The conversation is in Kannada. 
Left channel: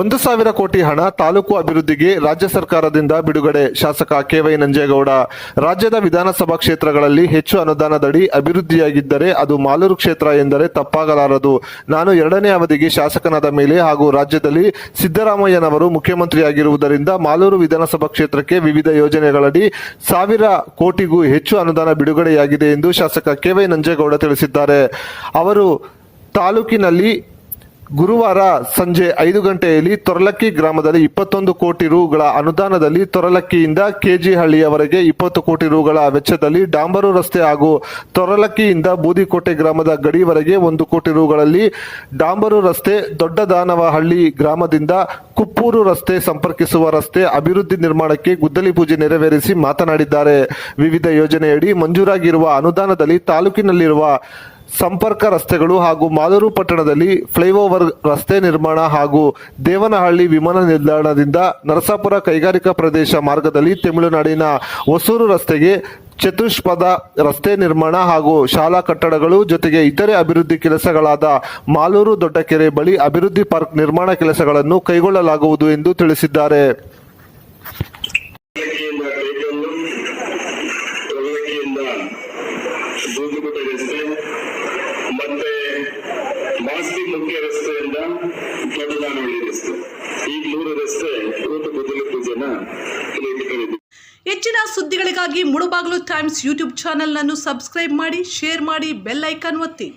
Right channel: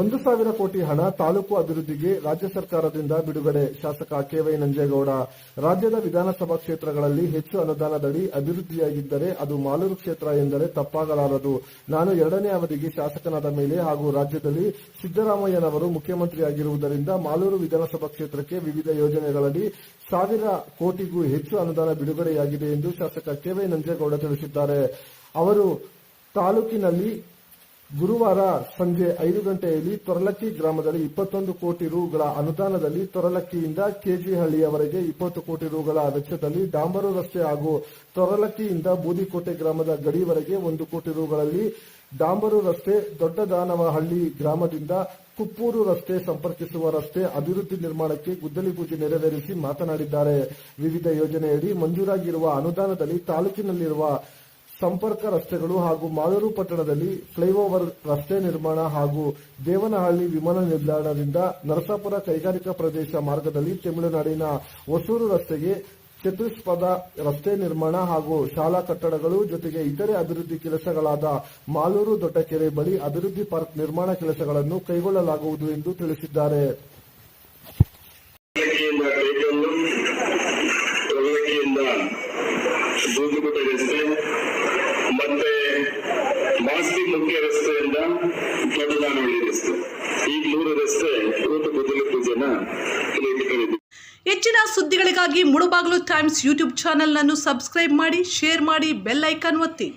ಒಂದು ಸಾವಿರ ಕೋಟಿ ಹಣ ತಾಲೂಕು ಅಭಿವೃದ್ಧಿಗೆ ರಾಜ್ಯ ಸರ್ಕಾರದಿಂದ ಬಿಡುಗಡೆ. ಶಾಸಕ ಕೆವೈ ನಂಜೇಗೌಡ, ರಾಜ್ಯದ ವಿಧಾನಸಭಾ ಕ್ಷೇತ್ರಗಳಲ್ಲಿ ಹೆಚ್ಚು ಅನುದಾನದಡಿ ಅಭಿವೃದ್ಧಿಯಾಗಿದ್ದರೆ ಅದು ಮಾಲೂರು ಕ್ಷೇತ್ರ ಎಂದರೆ ತಪ್ಪಾಗಲಾರದು. ನಾನು ಎರಡನೇ ಅವಧಿಗೆ ಶಾಸಕನಾದ ಮೇಲೆ ಹಾಗೂ ರಾಜ್ಯದಲ್ಲಿ ಸಿದ್ದರಾಮಯ್ಯನವರು ಮುಖ್ಯಮಂತ್ರಿಯಾಗಿರುವುದರಿಂದ ಮಾಲೂರು ವಿಧಾನಸಭಾ ಕ್ಷೇತ್ರಕ್ಕೆ ವಿವಿಧ ಯೋಜನೆಗಳಡಿ ಸಾವಿರ ಕೋಟಿಗೂ ಹೆಚ್ಚು ಅನುದಾನ ಬಿಡುಗಡೆಯಾಗಿದೆ ಎಂದು ಶಾಸಕ ಕೆವೈ ನಂಜೇಗೌಡ ತಿಳಿಸಿದ್ದಾರೆ. ಅವರು ತಾಲೂಕಿನಲ್ಲಿ ಗುರುವಾರ ಸಂಜೆ ಐದು ಗಂಟೆಯಲ್ಲಿ ತೊರಲಕ್ಕಿ ಗ್ರಾಮದಲ್ಲಿ ಇಪ್ಪತ್ತೊಂದು ಕೋಟಿ ರುಗಳ ಅನುದಾನದಲ್ಲಿ ತೊರಲಕ್ಕಿಯಿಂದ ಕೆಜಿಹಳ್ಳಿಯವರೆಗೆ ಇಪ್ಪತ್ತು ಕೋಟಿ ರುಗಳ ವೆಚ್ಚದಲ್ಲಿ ಡಾಂಬರು ರಸ್ತೆ ಹಾಗೂ ತೊರಲಕ್ಕಿಯಿಂದ ಬೂದಿಕೋಟೆ ಗ್ರಾಮದ ಗಡಿವರೆಗೆ ಒಂದು ಕೋಟಿ ರುಗಳಲ್ಲಿ ಡಾಂಬರು ರಸ್ತೆ, ದೊಡ್ಡದಾನವಹಳ್ಳಿ ಗ್ರಾಮದಿಂದ ಕುಪ್ಪೂರು ರಸ್ತೆ ಸಂಪರ್ಕಿಸುವ ರಸ್ತೆ ಅಭಿವೃದ್ಧಿ ನಿರ್ಮಾಣಕ್ಕೆ ಗುದ್ದಲಿ ಪೂಜೆ ನೆರವೇರಿಸಿ ಮಾತನಾಡಿದ್ದಾರೆ. ವಿವಿಧ ಯೋಜನೆಯಡಿ ಮಂಜೂರಾಗಿರುವ ಅನುದಾನದಲ್ಲಿ ತಾಲೂಕಿನಲ್ಲಿರುವ ಸಂಪರ್ಕ ರಸ್ತೆಗಳು ಹಾಗೂ ಮಾಲೂರು ಪಟ್ಟಣದಲ್ಲಿ ಫ್ಲೈಓವರ್ ರಸ್ತೆ ನಿರ್ಮಾಣ ಹಾಗೂ ದೇವನಹಳ್ಳಿ ವಿಮಾನ ನಿಲ್ದಾಣದಿಂದ ನರಸಾಪುರ ಕೈಗಾರಿಕಾ ಪ್ರದೇಶ ಮಾರ್ಗದಲ್ಲಿ ತಮಿಳುನಾಡಿನ ಹೊಸೂರು ರಸ್ತೆಗೆ ಚತುಷ್ಪದ ರಸ್ತೆ ನಿರ್ಮಾಣ ಹಾಗೂ ಶಾಲಾ ಕಟ್ಟಡಗಳು ಜೊತೆಗೆ ಇತರೆ ಅಭಿವೃದ್ಧಿ ಕೆಲಸಗಳಾದ ಮಾಲೂರು ದೊಡ್ಡಕೆರೆ ಬಳಿ ಅಭಿವೃದ್ಧಿ ಪಾರ್ಕ್ ನಿರ್ಮಾಣ ಕೆಲಸಗಳನ್ನು ಕೈಗೊಳ್ಳಲಾಗುವುದು ಎಂದು ತಿಳಿಸಿದ್ದಾರೆ. ರಸ್ತೆ ಮಾಸ್ತಿ ಮುಖ್ಯ ರಸ್ತೆಯಿಂದ ದೊಡ್ಡದಾನಹಳ್ಳಿ ರಸ್ತೆ ಈ ಮೂರು ರಸ್ತೆ ಇವತ್ತು ಬದಲಕ್ಕೆ ಜನ ಹೆಚ್ಚಿನ ಸುದ್ದಿಗಳಿಗಾಗಿ ಮುಳುಬಾಗಿಲು ಟೈಮ್ಸ್ ಯೂಟ್ಯೂಬ್ ಚಾನೆಲ್ನನ್ನು ಸಬ್ಸ್ಕ್ರೈಬ್ ಮಾಡಿ, ಶೇರ್ ಮಾಡಿ, ಬೆಲ್ ಐಕಾನ್ ಒತ್ತಿ.